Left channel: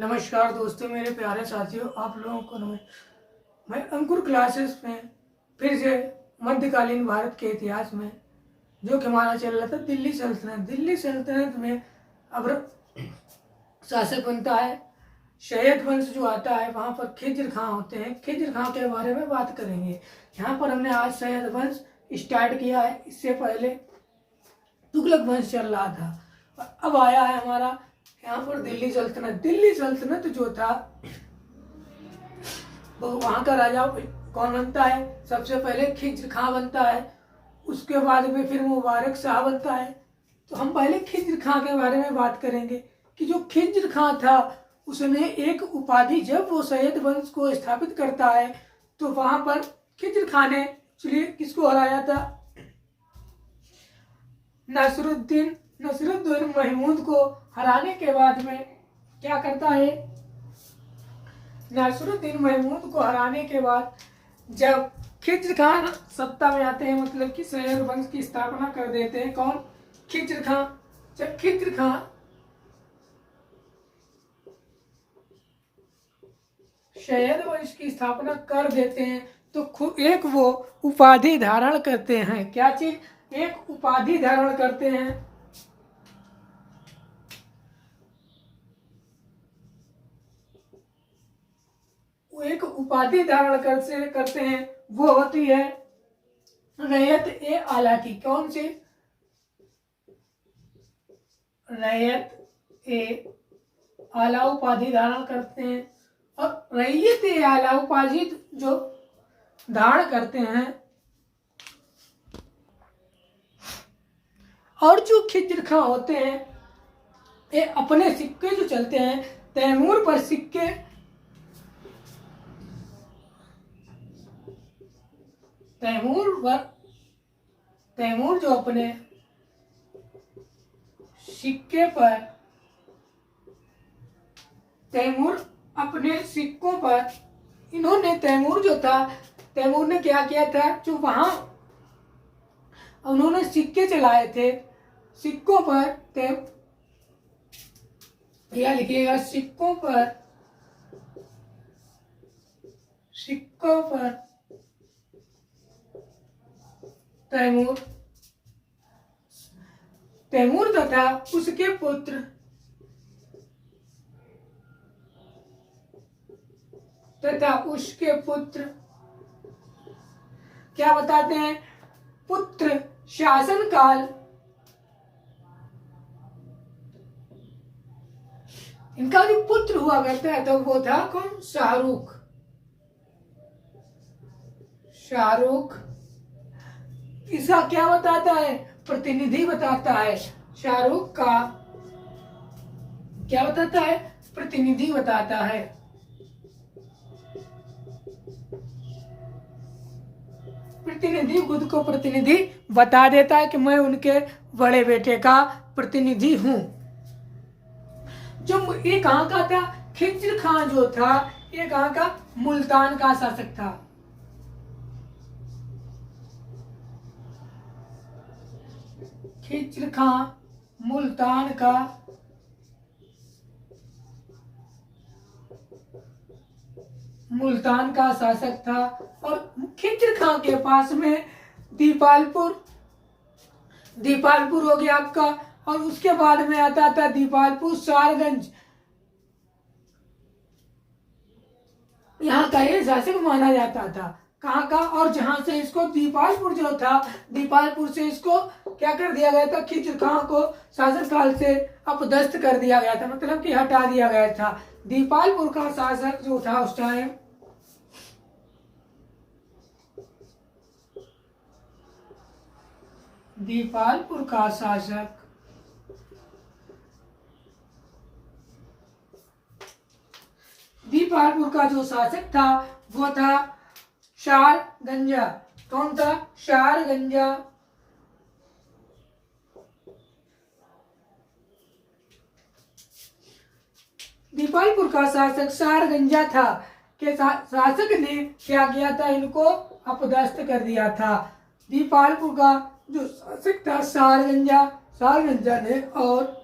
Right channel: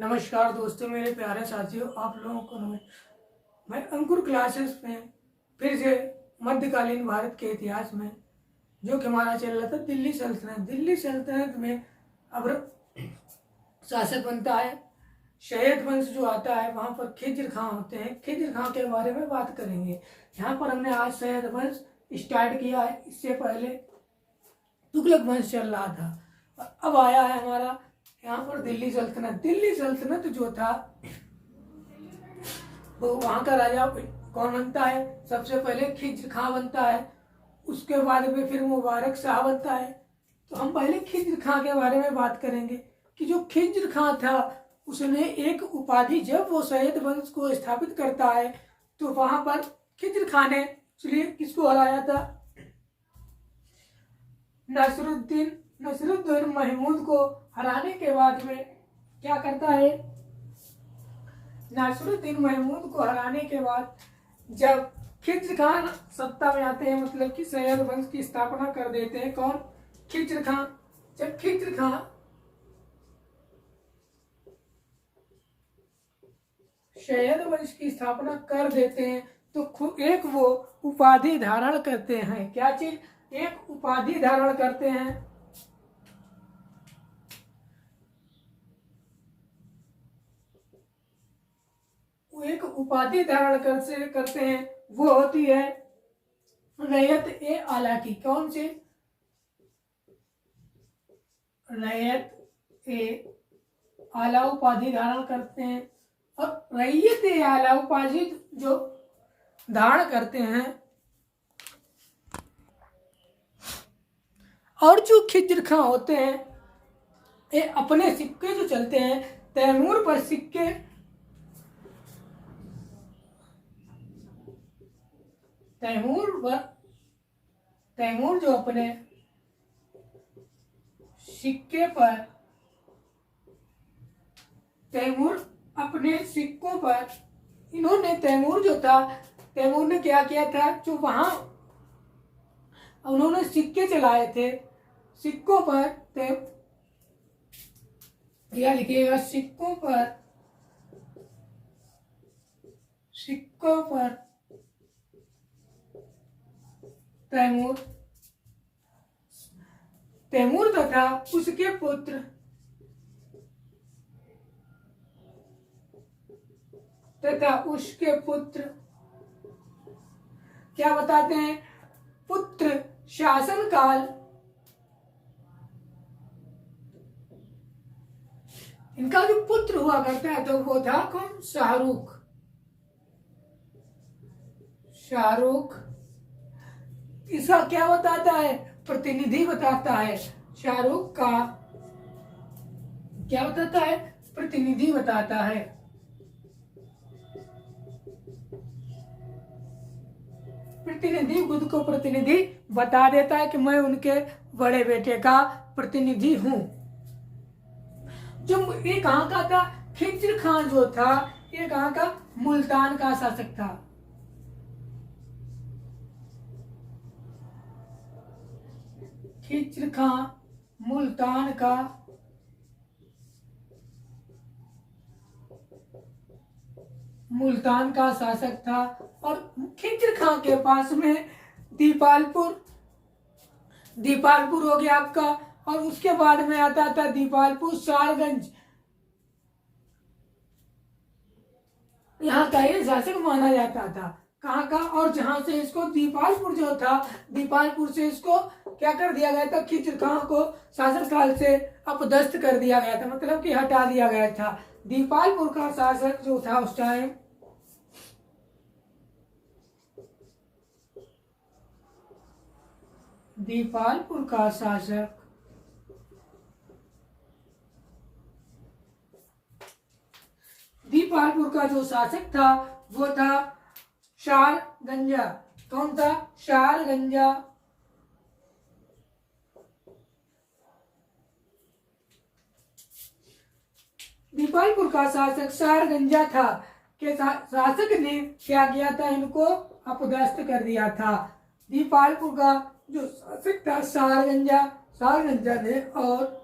नमस्कार दोस्तों, मेरे प्यारे साथियों, आप लोगों को नमस्कार। मैं अंकुर क्लासेस में फिर से मध्यकालीन भारत के इतिहास में जो कि हमारा चल रहा था दिल्ली सल्तनत में अब शासक बनता है शैयद वंश जो आता है। वहाँ पर खिज्र खां होते हैं। खिज्र खां के बारे में बात करेंगे। यहाँ पर हमने आज शैयद वंश स्टार्ट किया है। इससे पहले तुगलक वंश चल रहा था और अब आया है हमारा यहाँ पर दिल्ली सल्तनत जो था वो वहाँ का राजा कौन बनता है? सबसे पहले खिज्र खां बनता है, उसके बाद में फिर मुबारक शाह बनता है। तो हम पहले खिज्र खां के बारे में बात करेंगे कि जो खिज्र खां था उसने एक उपाधि, जब वो सैयद वंश को स्थापित करता है तो वहां पर खिज्र खां ने किसको हराया था? नसरुद्दीन महमूद को हराने के बाद में क्या करता है? नसरुद्दीन महमूद को हराने के बाद जब खिज्र खां सत्ता में आते हैं, मतलब कि सैयद वंश की स्थापना कर देते हैं। कौन? खिज्र खां। जब खिज्र खां सैयद वंश की स्थापना कर देते हैं तो एक वो उपाधि धारण करते हैं। क्या चीज? एक उपाधि धारण करते हैं। एक उपाधि धारण करते हैं, वो होती है रैयत ए आला की। कौन सी? रैयत ए आला उपाधि धारण करते हैं। और रैयत ए आला उपाधि जो धारण करते हैं, और जो खिज्र खां होते हैं ये अपने सिक्के जो चलते हैं, तैमूर पर सिक्के, तैमूर जो अपने सिक्के पर, तैमूर अपने सिक्कों पर, इन्होंने तैमूर जो था, तैमूर ने क्या किया था? जो वहां उन्होंने सिक्के चलाए थे, सिक्कों पर या लिखिएगा सिक्कों पर तैमूर तथा उसके पुत्र क्या बताते हैं? पुत्र शासन काल, इनका जो पुत्र हुआ करता है तो वो था कौन? शाहरुख। इसका क्या बताता है? प्रतिनिधि बताता है। शाहरुख का क्या बताता है? प्रतिनिधि बताता है। प्रतिनिधि खुद को प्रतिनिधि बता देता है कि मैं उनके बड़े बेटे का प्रतिनिधि हूं। जो ये कहां का था? खिज्र खां जो था ये कहां का? मुल्तान का शासक था। खिज्र खां मुल्तान का शासक था। और खिज्र खां के पास में दीपालपुर हो गया आपका, और उसके बाद में आता था दीपालपुर सारगंज। यहाँ का ये शासक माना जाता था। कहाँ का? और जहां से इसको दीपालपुर जो था, दीपालपुर से इसको क्या कर दिया गया था? खिज्र खां को शासन काल से अपदस्थ कर दिया गया था, मतलब कि हटा दिया गया था। दीपालपुर का शासक जो था उस टाइम, दीपालपुर का शासक दीपालपुर का जो शासक था वो था शारगंजा। कौन था? शारगंजा। दीपालपुर का शासक शारगंजा था। के शासक ने क्या किया था? इनको अपदस्थ कर दिया था। दीपालपुर का जो शासक था शारगंजा ने, और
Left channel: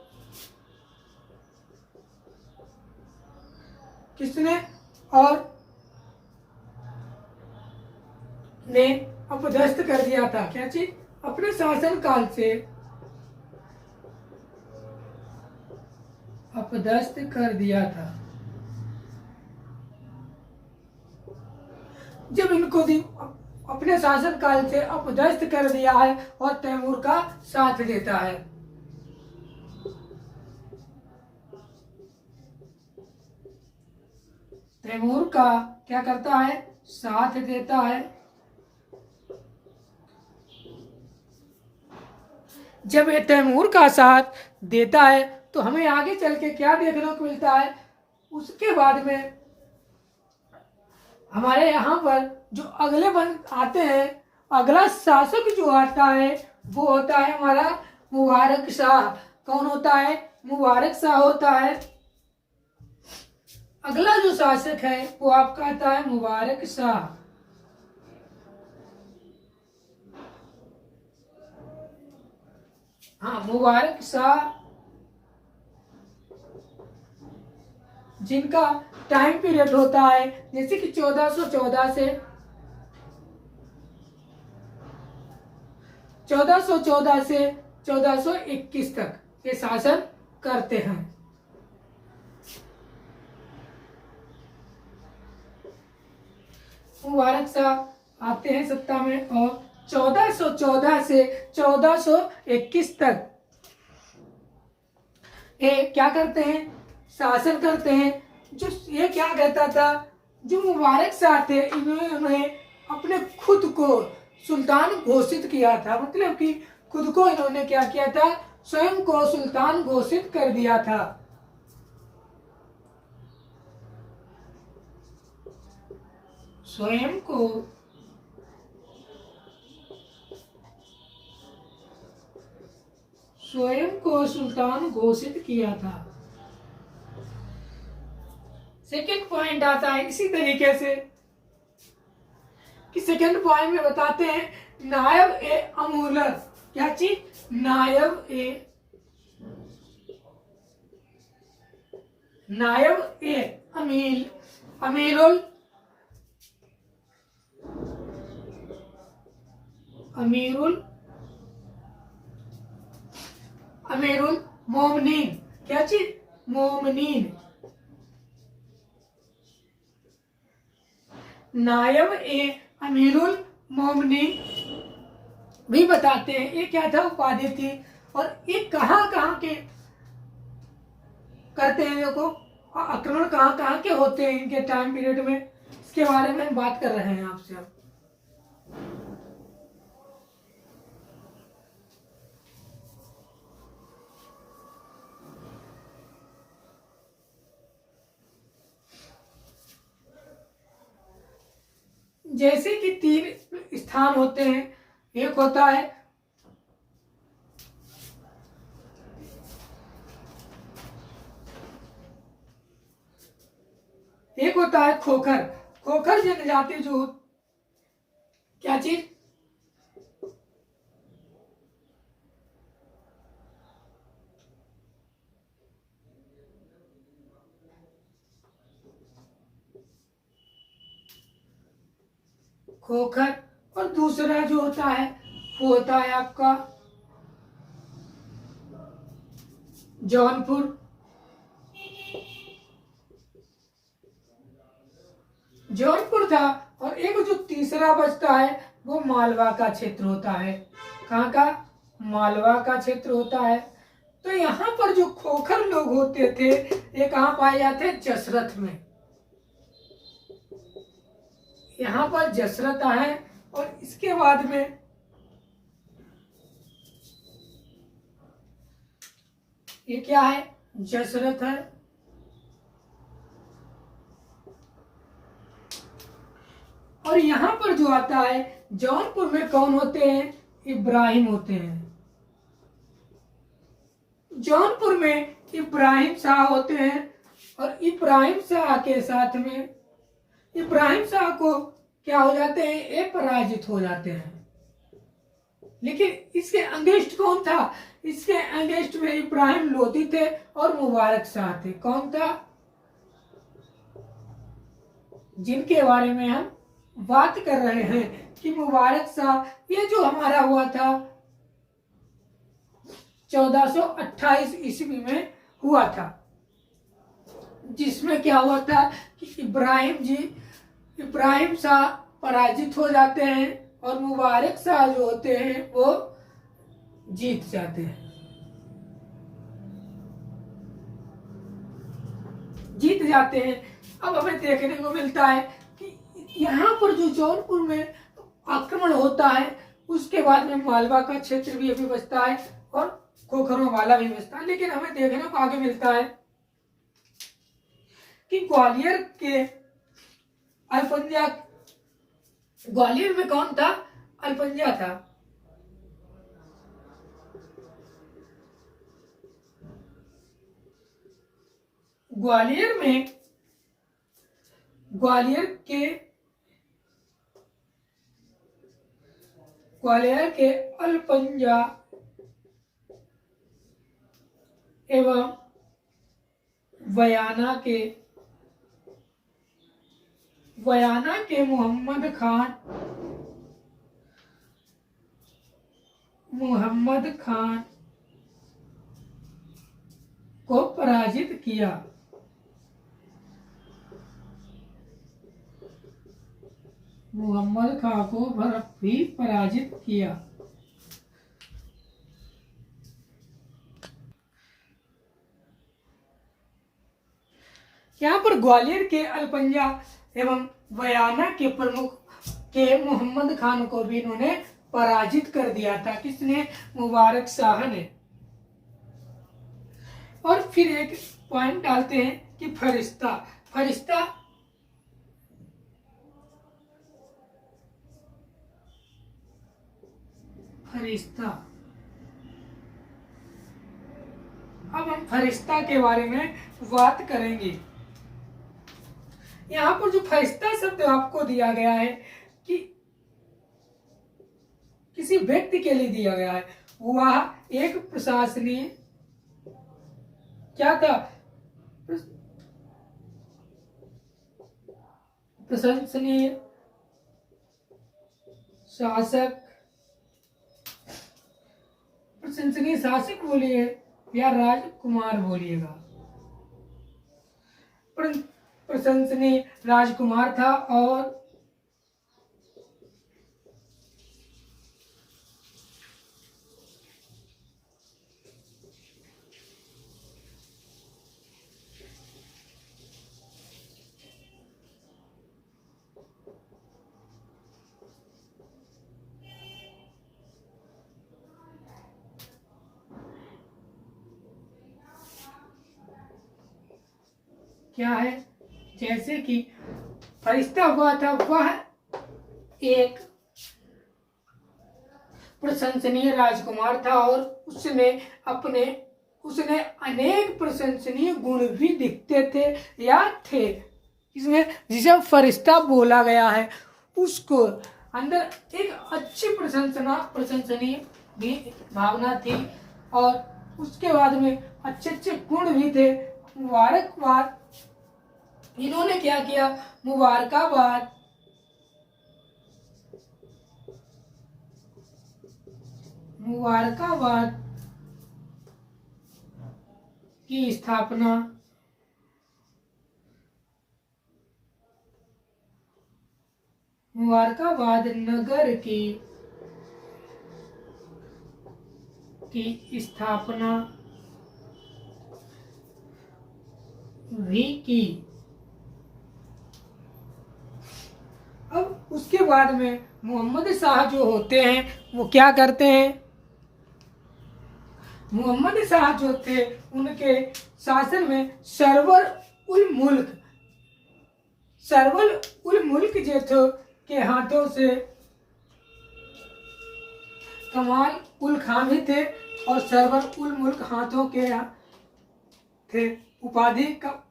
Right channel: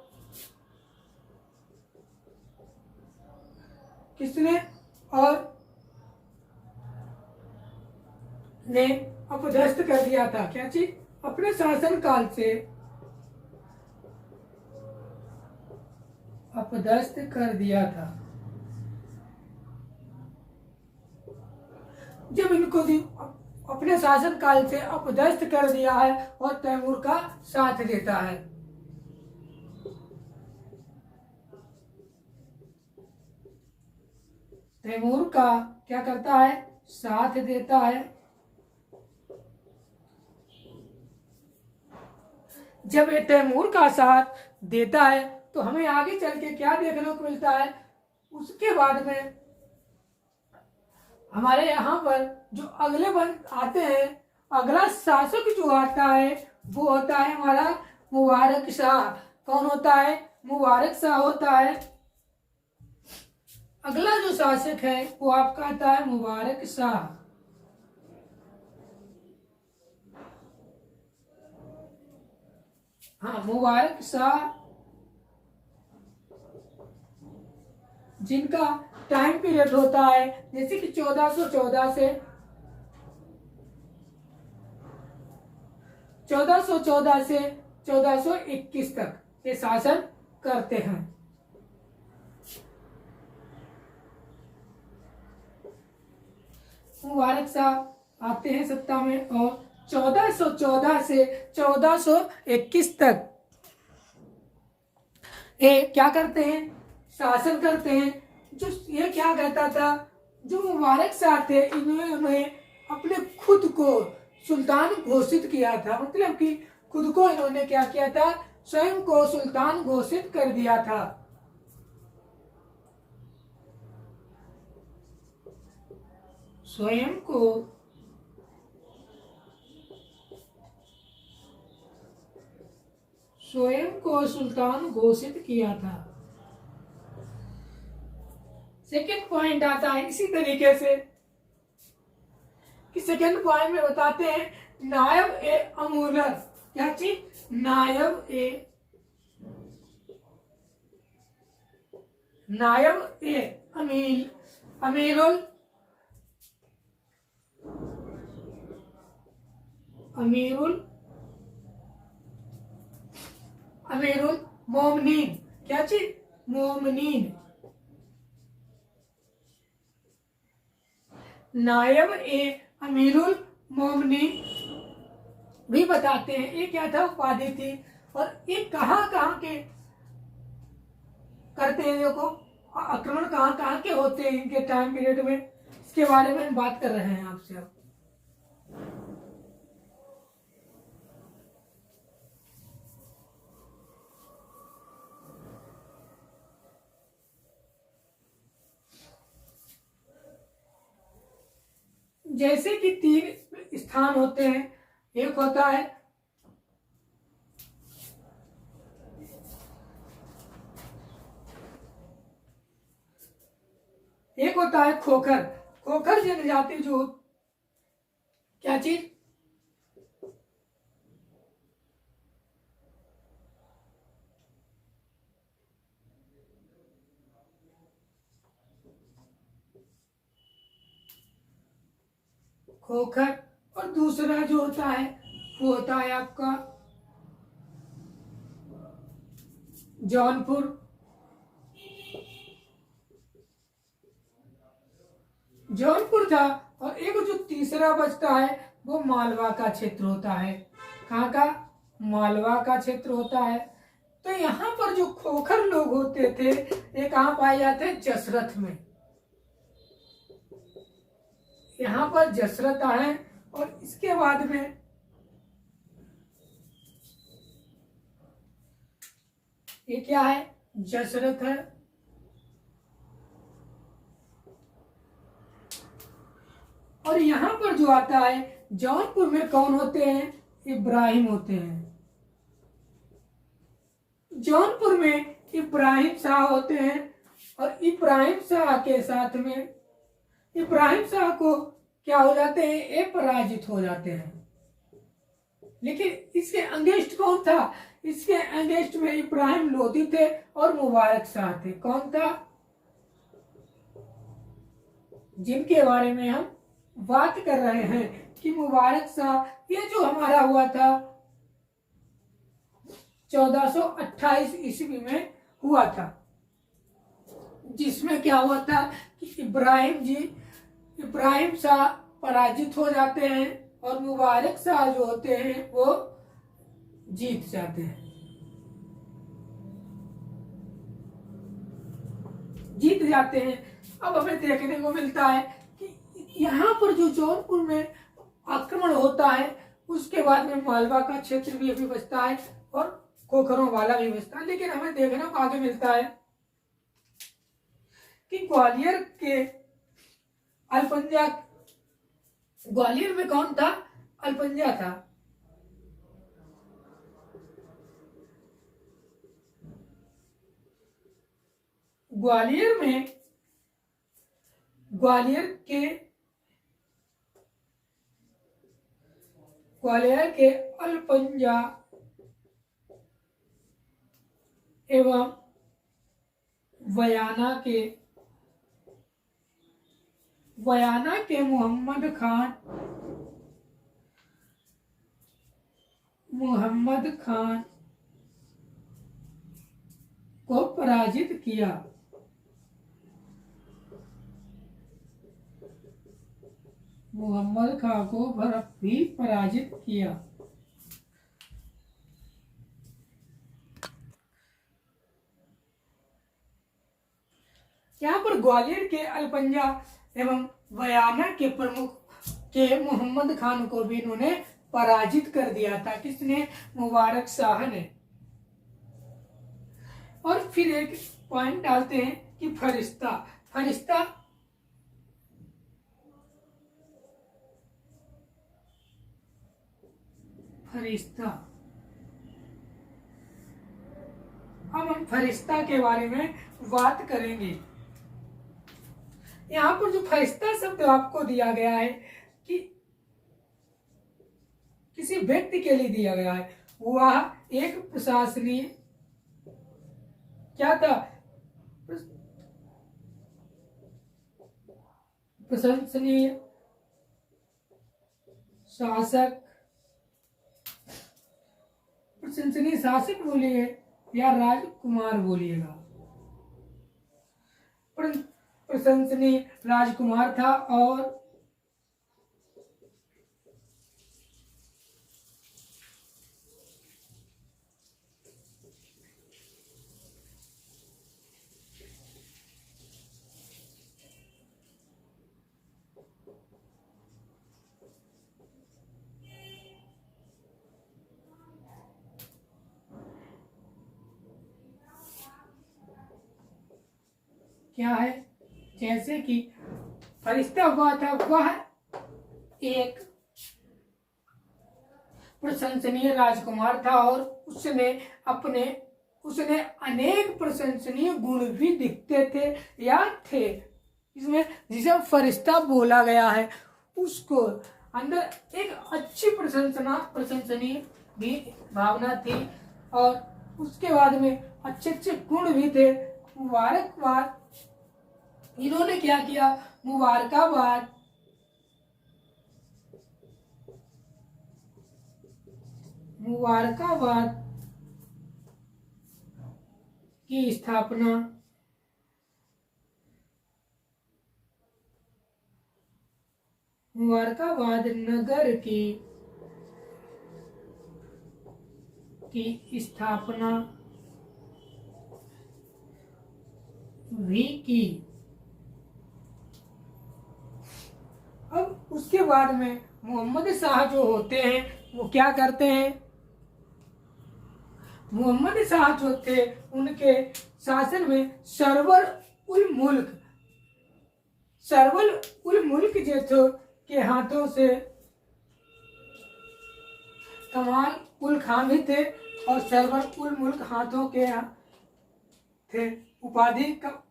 किसने और ने अपदस्थ कर दिया था। क्या चीज? अपने शासन काल से अपदस्थ कर दिया था। जब इनको अपने शासन काल से अपदस्थ कर दिया है और तैमूर का साथ देता है। तैमूर का क्या करता है? साथ देता है। जब ये तैमूर का साथ देता है तो हमें आगे चल के क्या देखने को मिलता है? उसके बाद में हमारे यहाँ पर जो अगले बन आते हैं, अगला शासक जो आता है वो होता है हमारा मुबारक शाह। कौन होता है? मुबारक शाह होता है। अगला जो शासक है वो आपका आता है मुबारक शाह। हाँ, मुबारक शाह, जिनका टाइम पीरियड होता है जैसे कि 1414 से 1421 तक ये शासन करते हैं। मुबारक शाह आते हैं सत्ता में और 1414 से 1421 तक ये क्या करते हैं? शासन करते हैं। जो ये क्या कहता था? जो मुबारक शाह थे इन्होंने अपने खुद को सुल्तान घोषित किया था। मतलब कि खुद को इन्होंने क्या किया था? स्वयं को सुल्तान घोषित कर दिया था। स्वयं को सुल्तान घोषित किया था। सेकेंड पॉइंट आता है इसी तरीके से कि सेकेंड पॉइंट में बताते हैं नायब ए अमूलर। क्या चीज? नायब ए अमीरुल मोमिनीन। क्या चीज? मोमिनीन। नायब ए अमीरुल मोमिनीन भी बताते हैं ये क्या था? उपाधि थी। और ये कहाँ के करते हैं? देखो, आक्रमण कहाँ के होते हैं इनके टाइम पीरियड में, इसके बारे में हम बात कर रहे हैं आपसे अब। जैसे कि 3 स्थान होते हैं। एक होता है खोखर। खोखर जनजाति जो क्या चीज? खोखर। और दूसरा जो होता है वो होता है आपका जौनपुर। जौनपुर था। और एक जो तीसरा बचता है वो मालवा का क्षेत्र होता है। कहाँ का? मालवा का क्षेत्र होता है। तो यहाँ पर जो खोखर लोग होते थे ये कहाँ पाए जाते? जसरथ में। यहाँ पर जसरथ है और इसके बाद में ये क्या है? जसरथ है। और यहाँ पर जो आता है जौनपुर में कौन होते हैं? इब्राहिम होते हैं। जौनपुर में इब्राहिम शाह होते हैं। और इब्राहिम शाह के साथ में इब्राहिम शाह को क्या हो जाते हैं? ये पराजित हो जाते हैं। लेकिन इसके अगेंस्ट कौन था? इसके अगेंस्ट में इब्राहिम लोधी थे और मुबारक शाह थे। कौन था? जिनके बारे में हम बात कर रहे हैं कि मुबारक शाह, ये जो हमारा हुआ था 1428 ईस्वी में हुआ था, जिसमें क्या हुआ था कि इब्राहिम शाह पराजित हो जाते हैं और मुबारक शाह जो होते हैं वो जीत जाते हैं। अब हमें देखने को मिलता है कि यहाँ पर जो जौनपुर में आक्रमण होता है, उसके बाद में मालवा का क्षेत्र भी अभी बचता है और खोखरों वाला भी बचता है। लेकिन हमें देखने को आगे मिलता है कि ग्वालियर में कौन था? अलपंजा था। ग्वालियर के अलपंजा एवं बयाना के मोहम्मद खान को पराजित किया। मुहम्मद खां को भी पराजित किया। यहाँ पर ग्वालियर के अलपंजा एवं बयाना के प्रमुख के मोहम्मद खान को भी इन्होंने पराजित कर दिया था। किसने? मुबारक शाह ने। और फिर एक पॉइंट डालते हैं कि फरिश्ता अब हम फरिश्ता के बारे में बात करेंगे। यहाँ पर जो फरिश्ता शब्द आपको दिया गया है कि किसी व्यक्ति के लिए दिया गया है, वह एक प्रशंसनीय क्या था? प्रशंसनीय शासक बोलिए या राजकुमार बोलिएगा। प्रशंसनीय राजकुमार था और क्या है, जैसे कि फरिश्ता हुआ था, वह एक प्रशंसनीय राजकुमार था और उसने अनेक प्रशंसनीय गुण भी दिखते थे या थे। इसमें जिसे फरिश्ता बोला गया है, उसको अंदर एक अच्छी प्रशंसनीय भी भावना थी और उसके बाद में अच्छे अच्छे गुण भी थे। मुबारकबाद, इन्होंने क्या किया? मुबारकाबाद की स्थापना मुबारकाबाद नगर की स्थापना भी की। अब उसके बाद में मोहम्मद शाह जो होते हैं वो क्या करते हैं? मोहम्मद शाह जो थे, उनके शासन में सरवर उल मुल्क जो थे के हाथों से कमाल उल खान भी थे और सरवर उल मुल्क हाथों के थे। उपाधि का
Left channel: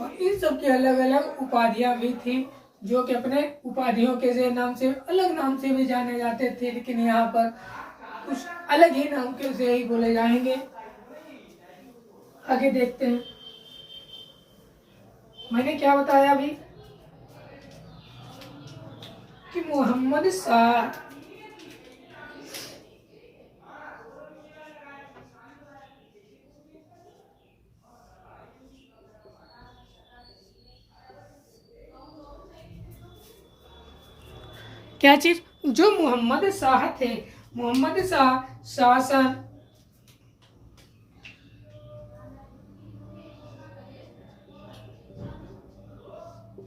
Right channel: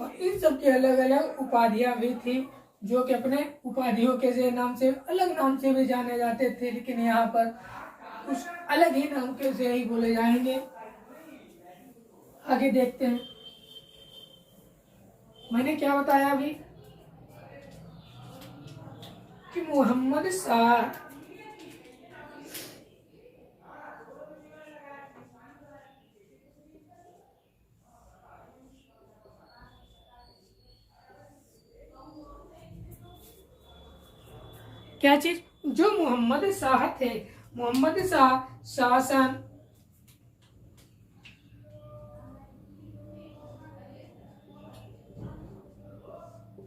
और इन सब की अलग अलग उपाधियां भी थी, जो कि अपने उपाधियों के नाम से अलग नाम से भी जाने जाते थे, लेकिन यहाँ पर कुछ अलग ही नाम के से ही बोले जाएंगे। आगे देखते हैं। मैंने क्या बताया अभी कि मोहम्मद शाह क्या चीज, जो मोहम्मद शाह थे, मोहम्मद शाह शासन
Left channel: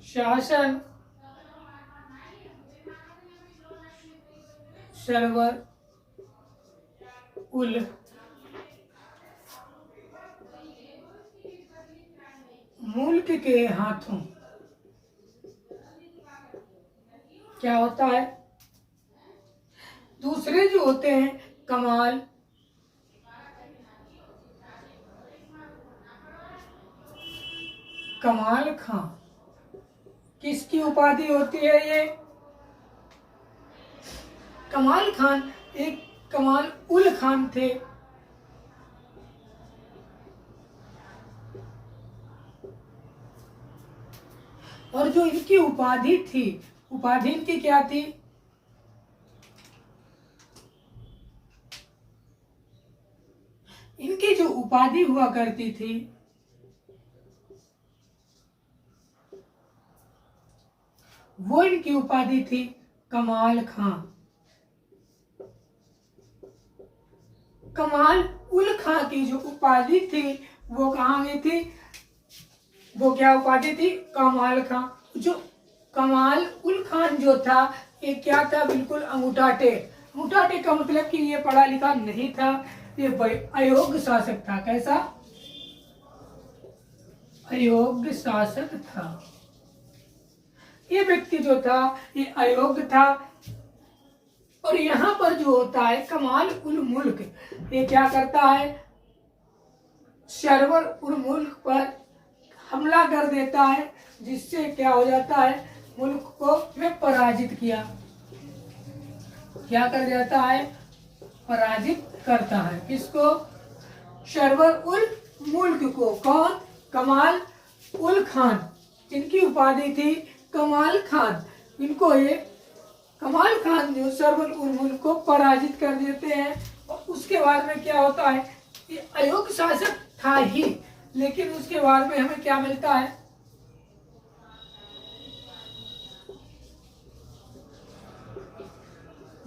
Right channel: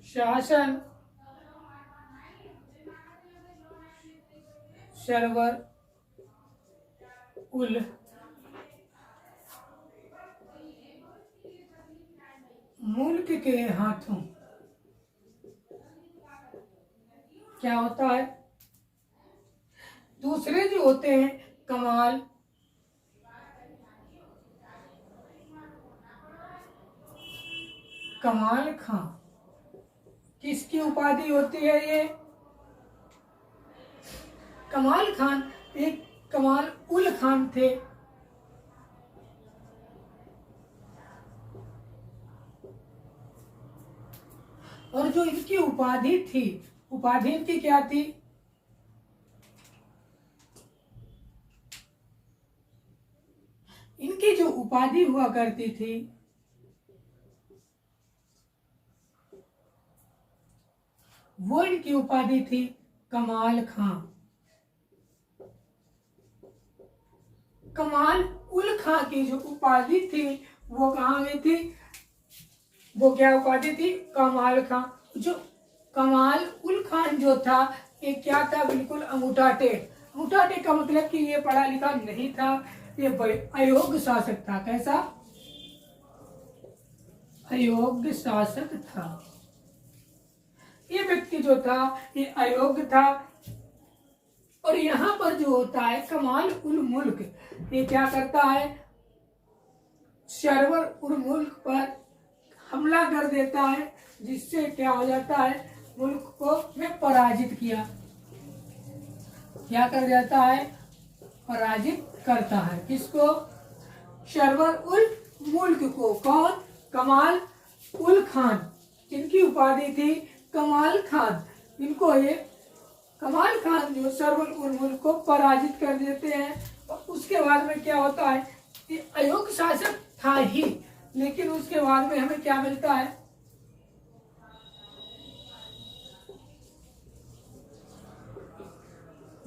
शासन सरवर उल मुल्क के हाथों क्या होता है, दूसरे जो होते हैं कमाल कमाल खां, किसकी उपाधि होती है ये? कमाल खान एक कमाल उल खान थे। और जो इनकी उपाधि थी, उपाधि इनकी क्या थी? इनकी जो उपाधि हुआ करती थी वो इनकी उपाधि थी कमाल खां। कमाल उल खां की जो उपाधि थी वो कहाँ गई थी? वो क्या उपाधि थी? कमाल खां। जो कमाल उल खान जो था ये क्या था? बिल्कुल अंगूठा टेक। अंगूठा टेक का मतलब कि ये पढ़ा लिखा नहीं था, ये अयोग्य शासक था। कैसा? अयोग्य शासक था। ये व्यक्ति जो था ये अयोग्य था। और यहाँ पर जो होता है कमाल उल मुल्क, ये क्या करता है? सरवर उल मुल्क पर हमला कर देता है, जिससे क्या हो जाता है? मुल्क को में पराजित किया। क्या कर जाता है? पराजित करता है। किसको? सरवर उल मुल्क को। कौन? कमाल उल खान, जिनकी उपाधि थी कमाल खान। इनको ये कमाल खान जो सरवर उल मुल्क को पराजित कर देते हैं। और उसके बाद में क्या होता है? ये अयोग्य शासक था ही, लेकिन उसके बाद में हमें क्या मिलता है?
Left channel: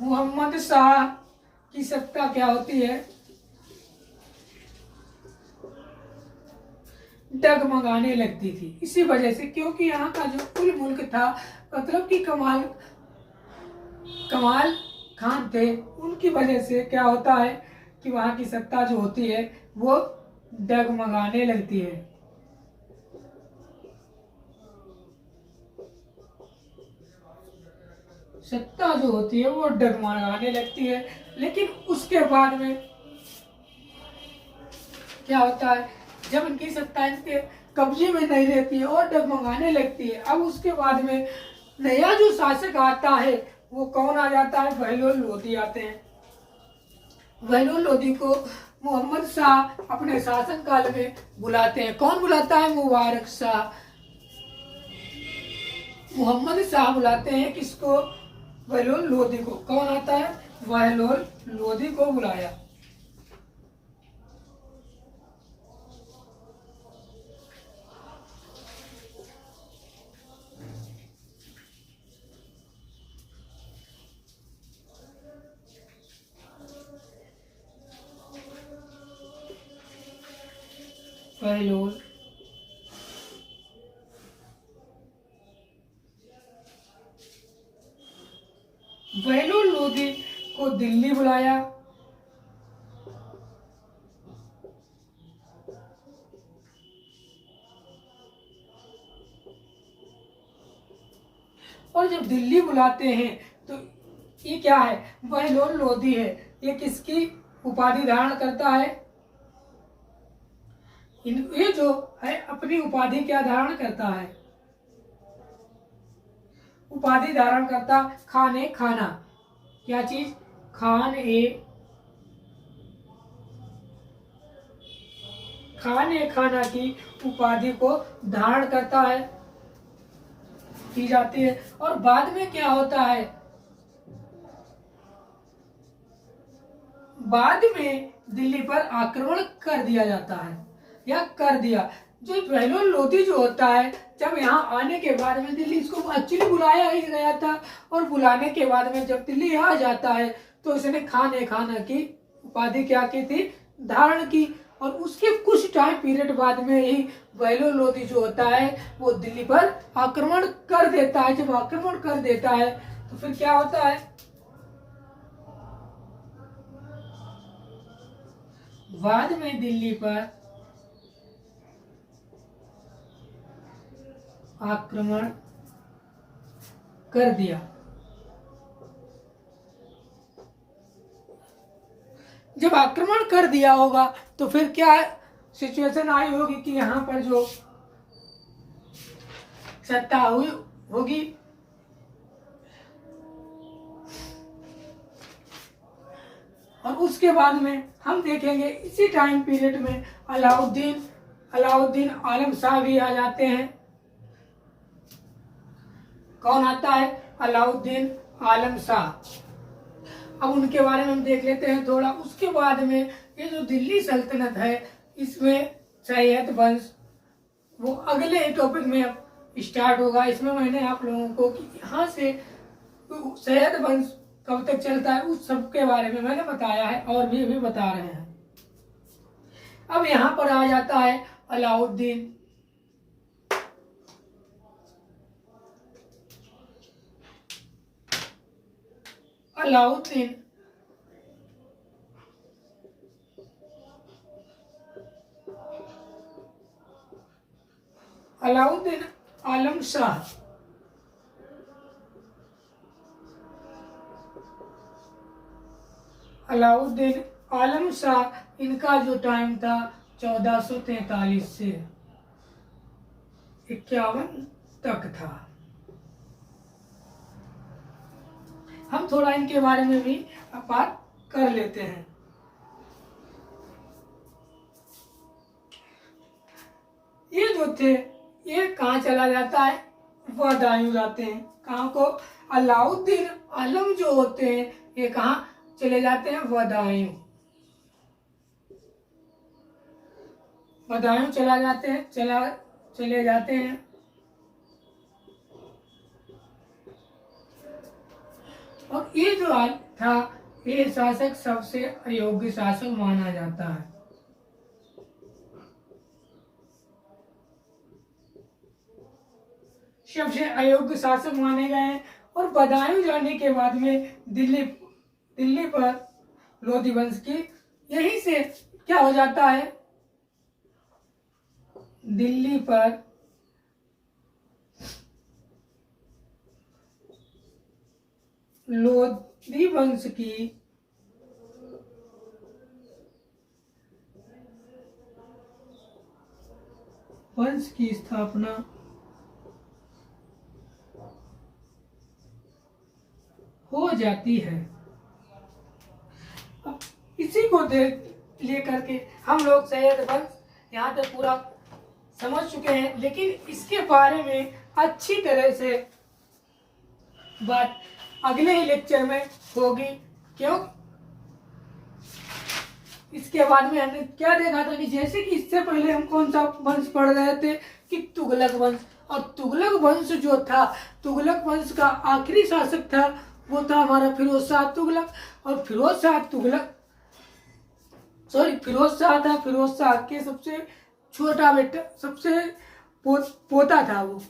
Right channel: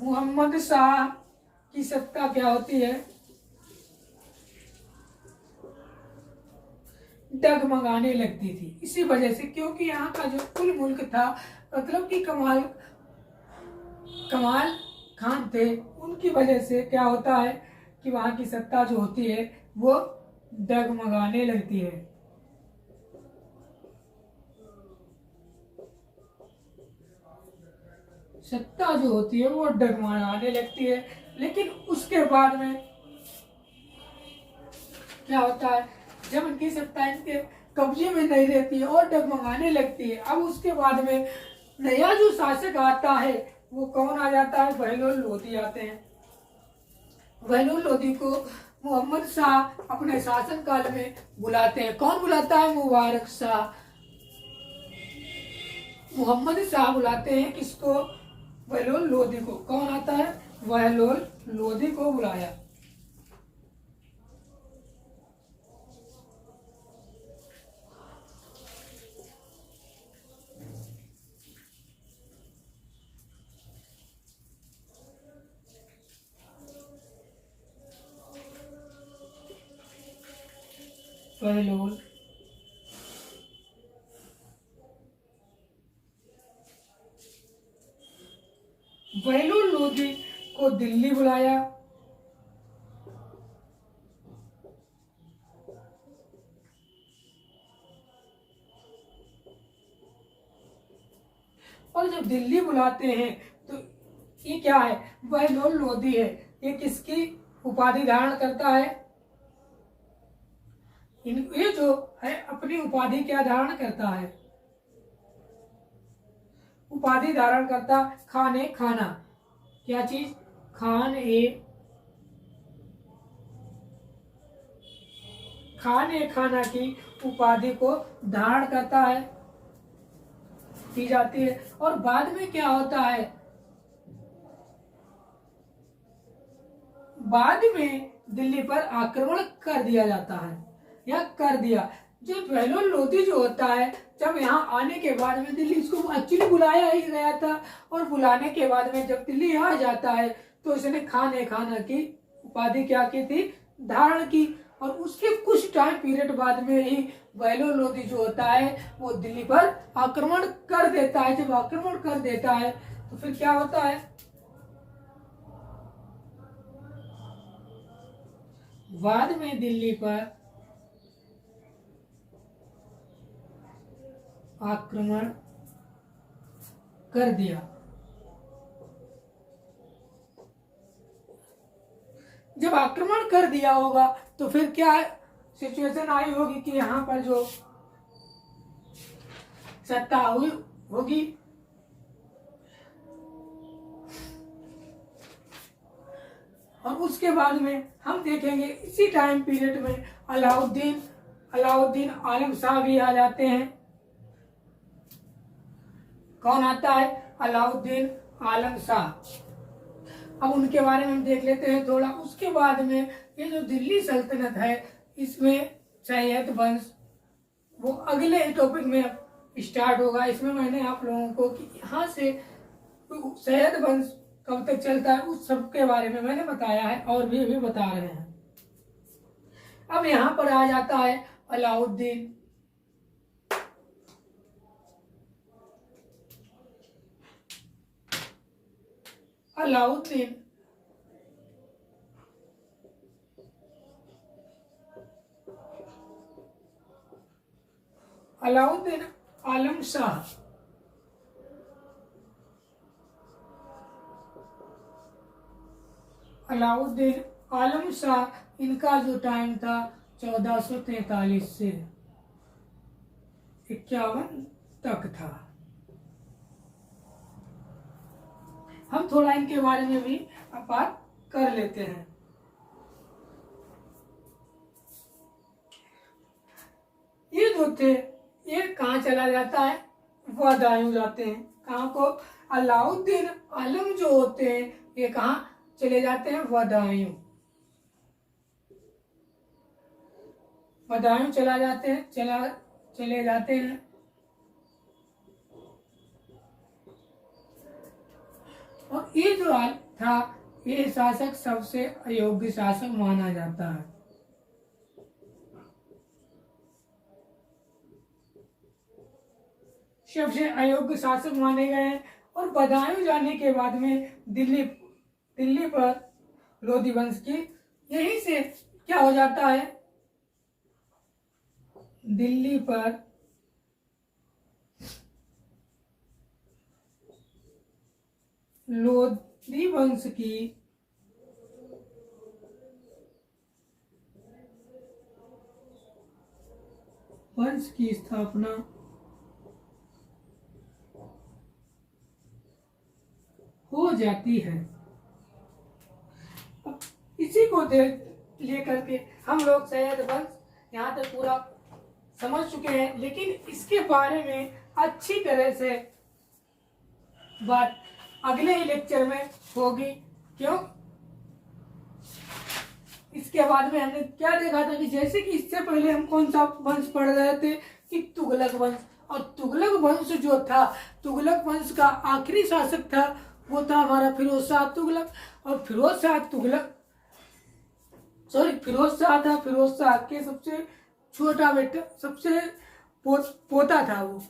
मोहम्मद शाह की सत्ता क्या होती है? डगमगाने लगती थी। इसी वजह से, क्योंकि यहाँ का जो कुल मुल्क था, मतलब कि कमाल खान थे, उनकी वजह से क्या होता है कि वहां की सत्ता जो होती है वो डगमगाने लगती है। सत्ता जो होती है वो डगमगाने लगती है। लेकिन उसके बाद में क्या होता है? जब इनकी सत्ता इनके कब्जे में नहीं रहती है और डगमगाने लगती है, अब उसके बाद में नया जो शासक आता है वो कौन आ जाता है? बहलोल लोधी आते हैं। बहलोल लोधी को मोहम्मद शाह अपने शासन काल में बुलाते हैं। कौन बुलाता है? मुबारक शाह। मोहम्मद शाह बुलाते हैं किसको? बहलोल लोधी को। कौन आता है? बहलोल लोधी को बुलाया। बहलोल बहलोल लोधी को दिल्ली बुलाया। और जब दिल्ली बुलाते हैं तो ये क्या है? बहलोल लोधी है। ये किसकी उपाधि धारण करता है? ये जो है अपनी उपाधि क्या धारण करता है? उपाधि धारण करता खान ए खाना। क्या चीज? खान ए खाने खाना की उपाधि को धारण करता है, की जाती है। और बाद में क्या होता है, बाद में दिल्ली पर आक्रमण कर दिया जाता है या कर दिया। जो बहलोल लोधी जो होता है, जब यहाँ आने के बाद में दिल्ली, इसको एक्चुअली बुलाया ही गया था, और बुलाने के बाद में जब दिल्ली आ जाता है तो इसने खाने खाना की उपाधि क्या की थी, धारण की। और उसके कुछ टाइम पीरियड बाद में ही बहलोल लोधी जो होता है वो दिल्ली पर आक्रमण कर देता है। जब आक्रमण कर देता है तो फिर क्या होता है, बाद में दिल्ली पर आक्रमण कर दिया। जब आक्रमण कर दिया होगा तो फिर क्या सिचुएशन आई होगी कि यहाँ पर जो सत्ता हुई होगी, और उसके बाद में हम देखेंगे इसी टाइम पीरियड में अलाउद्दीन आलम शाह भी आ जाते हैं। कौन आता है, अलाउद्दीन आलम शाह। अब उनके बारे में हम देख लेते हैं थोड़ा। उसके बाद में ये जो दिल्ली सल्तनत है, इसमें सैयद वंश, वो अगले टॉपिक में अब स्टार्ट होगा। इसमें मैंने आप लोगों को कि यहाँ से सैयद वंश कब तक चलता है उस सब के बारे में मैंने बताया है, और भी बता रहे हैं। अब यहाँ पर आ जाता है अलाउद्दीन। अलाउद्दीन आलम शाह। अलाउद्दीन आलम शाह, इनका जो टाइम था 1443 से 51 तक था। हम थोड़ा इनके बारे में भी बात कर लेते हैं। ये जो थे, ये कहाँ चला जाता है, बदायूं जाते हैं। कहाँ को, अलाउद्दीन आलम जो होते हैं ये कहाँ चले जाते हैं, बदायूं। बदायूं चले जाते हैं। और ये जो था, ये शासक सबसे अयोग्य शासक माना जाता है। सबसे अयोग्य शासक माने गए हैं। और बदायूं जाने के बाद में दिल्ली पर लोधी वंश की, यहीं से क्या हो जाता है, दिल्ली पर लोधी वंश की स्थापना हो जाती है। अब इसी को लेकर के हम लोग सैयद वंश यहाँ तक पूरा समझ चुके हैं, लेकिन इसके बारे में अच्छी तरह से बात अगले ही लेक्चर में होगी। क्यों, इसके बाद में हमने क्या देखा था कि जैसे कि इससे पहले हम कौन सा वंश पढ़ रहे थे कि तुगलक वंश। और तुगलक वंश जो था, तुगलक वंश का आखिरी शासक था वो था हमारा फिरोज शाह तुगलक। और फिरोज शाह के सबसे छोटा बेटा, सबसे पोता था। वो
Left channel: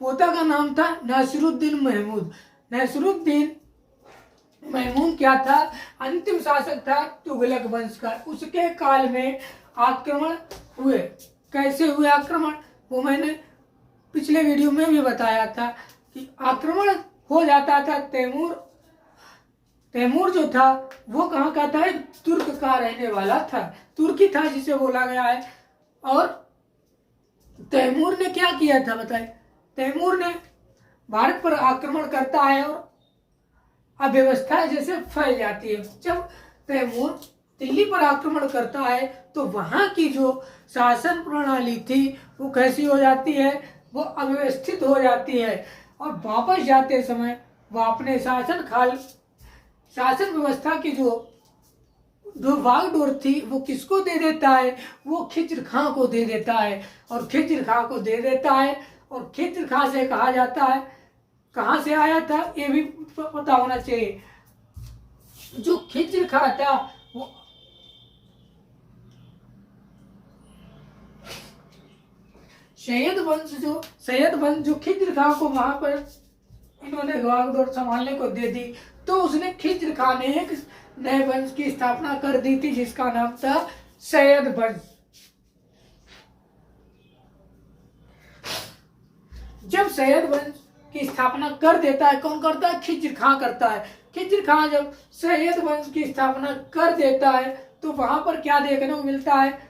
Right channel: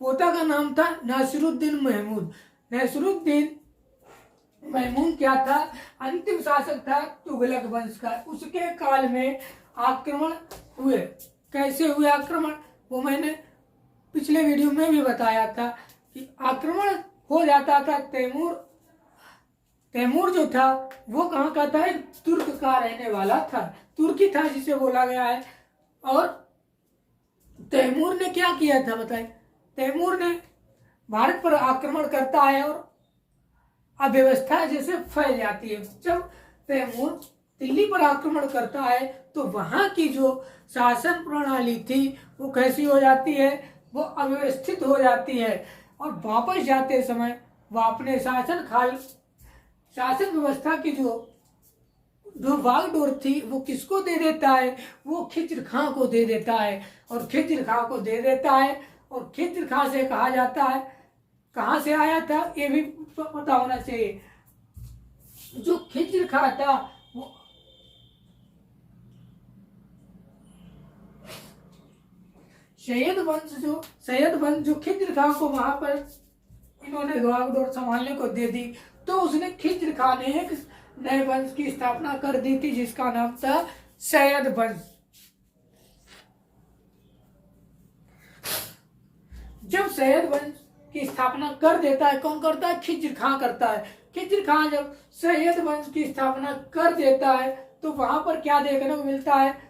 पोता का नाम था नासिरुद्दीन महमूद। नासिरुद्दीन महमूद क्या था, अंतिम शासक था तुगलक वंश का। उसके काल में आक्रमण हुए। कैसे हुए आक्रमण, वो मैंने पिछले वीडियो में भी बताया था कि आक्रमण हो जाता था। तैमूर जो था वो कहाँ का था, तुर्क का रहने वाला था, तुर्की था जिसे बोला गया है। और तैमूर ने क्या किया था बताए, तैमूर ने भारत पर आक्रमण करता है और अव्यवस्था जैसे फैल जाती है। जब तैमूर दिल्ली पर आक्रमण करता है तो वहां की जो शासन प्रणाली थी वो कैसी हो जाती है, वो अव्यवस्थित हो जाती है। और वापस जाते समय वह अपने शासन व्यवस्था की जो बागडोर थी वो किसको दे देता है, वो खिज्र खां को दे देता है। और खिज्र खां को दे देता है, और खिज्र खां से कहा जाता है, कहाँ से आया था ये भी पता होना चाहिए। जो खिज्र खां था वो सैयद वंश जो खिज्र खां को वहां पर इन्होंने बागडोर संभालने को दे दी, तो उसने खिज्र खां ने एक नए वंश की स्थापना कर दी थी जिसका नाम था सैयद वंश। जब सैयद वंश की स्थापना कर देता है, कौन करता है, खिज्र खां करता है। खिज्र खां जब सैयद वंश की स्थापना कर देता है तो वहां पर क्या देखने को मिलता है,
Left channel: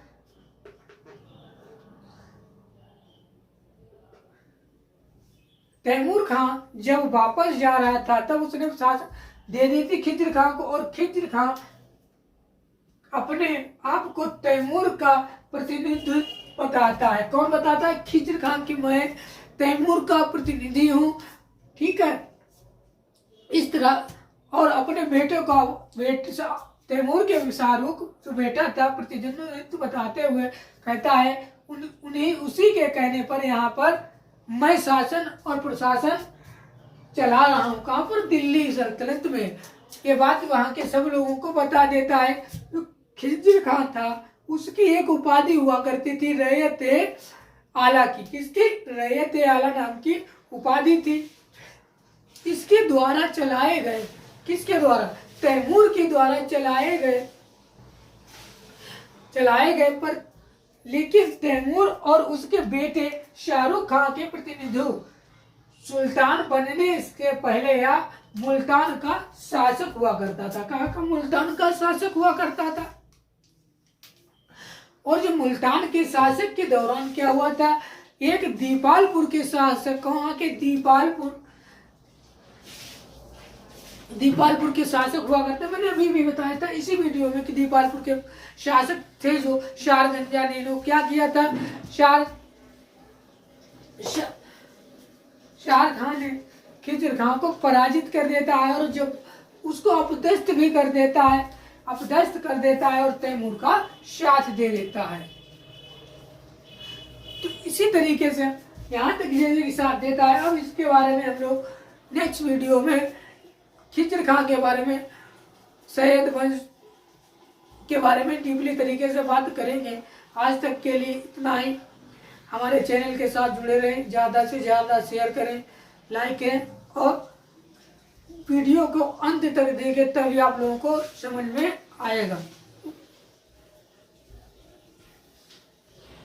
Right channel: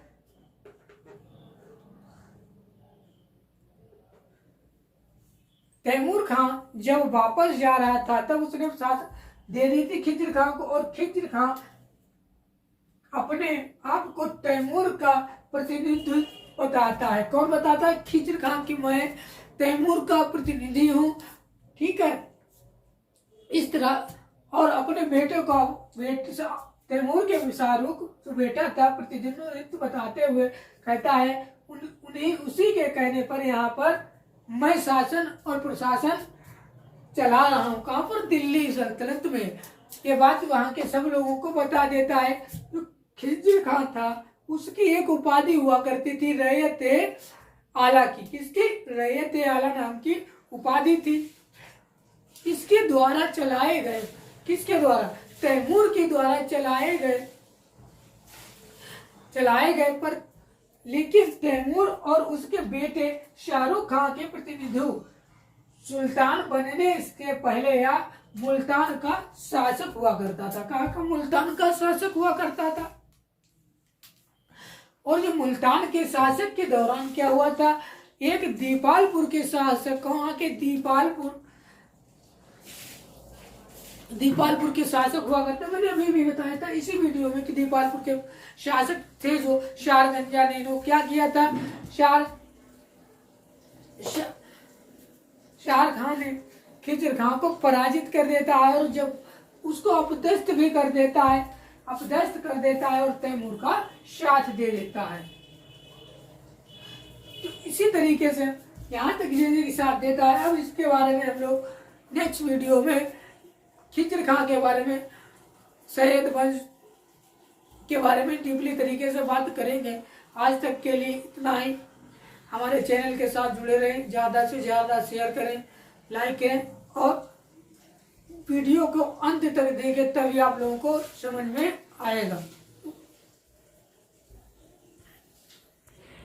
तैमूर खां जब वापस जा रहा था तब उसने साथ दे दी थी खिज्र खां को। और खिज्र खां अपने आप को तैमूर का प्रतिनिधित्व बताता है। कौन बताता है, खिज्र खां की मैं तैमूर का प्रतिनिधि हूं, ठीक है, इस तरह। और अपने बेटे को तैमूर के शाहरुख जो बेटा था प्रतिनिधित्व बताते हुए कहता है उन्हीं उसी के कहने पर यहाँ पर मैं शासन और प्रशासन चला रहा हूँ। कहाँ पर, दिल्ली सल्तनत में। ये बात वहां के सब लोगों को बता देता है। जो खिज्र खां था उसकी एक उपाधि हुआ करती थी रैयत आला की। किसकी, रैयत आला नाम की उपाधि थी। इसके द्वारा चलाए गए, किसके द्वारा, तैमूर के द्वारा चलाए गए पर लेकिन तैमूर और उसके बेटे शाहरुख खां के प्रतिनिधित्व सुल्तान बनने इसके पहले या मुल्तान का शासक हुआ करता था। कहाँ का, मुल्तान का शासक हुआ करता था। और जो मुल्तान के शासक के दौरान क्या हुआ था, एक दीपालपुर के शासक, वहां के दीपालपुर के शासक हुआ करते। मैंने अभी भी बताया था इसी वीडियो में कि दीपालपुर के शासक थे जो शारगंजा ने क्या किया था, शार खान ने खिज्र खां को पराजित कर देता है और जब उसको अपदस्थ भी कर देता है और तैमूर का साथ दे देता है। तो इसी तरीके से यहाँ तक जैसे साथ देता है। अब इसके बारे में हम लोग नेक्स्ट वीडियो में खिज्र खां के बारे में, सैयद वंश के बारे में डीपली तरीके से बात करेंगे। आज तक के लिए इतना ही। हमारे चैनल के साथ जुड़े रहें, ज़्यादा से ज़्यादा शेयर करें, लाइक करें और वीडियो को अंत तक देखें, तभी आप लोगों को समझ में आएगा।